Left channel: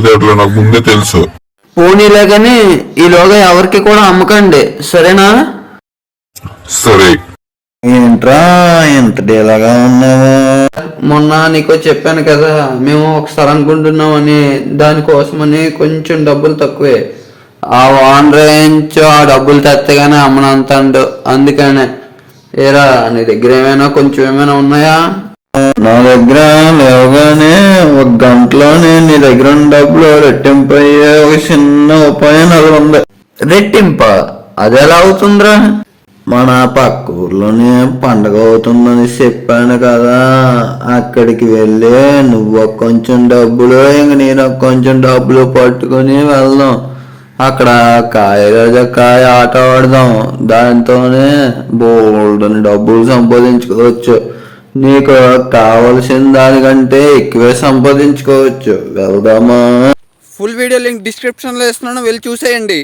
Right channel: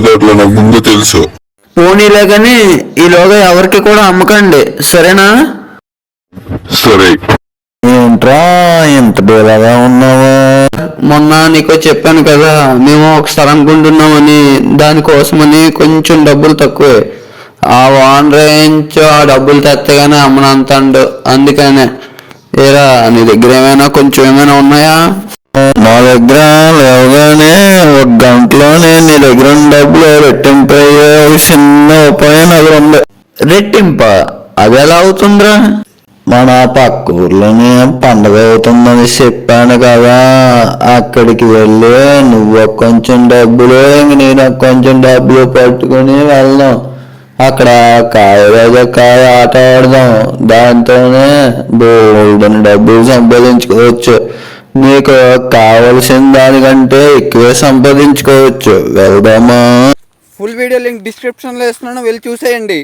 తెలివితేటలు నాకు ముందే తెలుసు. పోనీలే కానీ ఈలోగా ఎవరికి కూడా అమ్మకండి, సరేనా? సరే. ఏంట్రా ఇంత డేలాగా ఉన్నావా? మొన్న నీకు చెప్పాను కదా, మేము ఒకసారి అనుకుంటున్నామని, దానికోసమని కొంచెం డబ్బులు తక్కువే. ఆ ఓనర్ నుంచి ఆ డబ్బులు తెత్తగానే అమ్మనంతాడు, అందుకనే. ఏరా నీ దగ్గర ఏమైనా కొంచెం ఏమైనా ఉన్నాయా? నా దగ్గర లేవగానే ఒక గంటలోనే నీ దగ్గర ఉన్న డబ్బులు రెట్టింపయ్యే చిన్న ఉపాయం అది ఉంది. రెట్టింప? అది ఎలా అవుతుందిరా? మన పక్క ఊర్లోనే పండగ అవుతుందని చెప్పాను కదా, అక్కడికి వెళ్ళి నువ్వు కొంచెం డబ్బులు నేను కొంచెం డబ్బులు పట్టుకుని వెళ్దాం. అక్కడ కాయ రోజా కాయ ఆట ఆడదాం. దాంతోనే బోల్డెన్ డబ్బులు సంపాదించుకోవచ్చు. నీకు కావలసిన దానికంటే ఎక్కువే సంపాదించుకోవచ్చు. వెళ్దామా? ఫుల్ వీడియో లింక్ డిస్క్రిప్షన్లో ఇస్తున్నాను, వెళ్ళి చూసేయండి.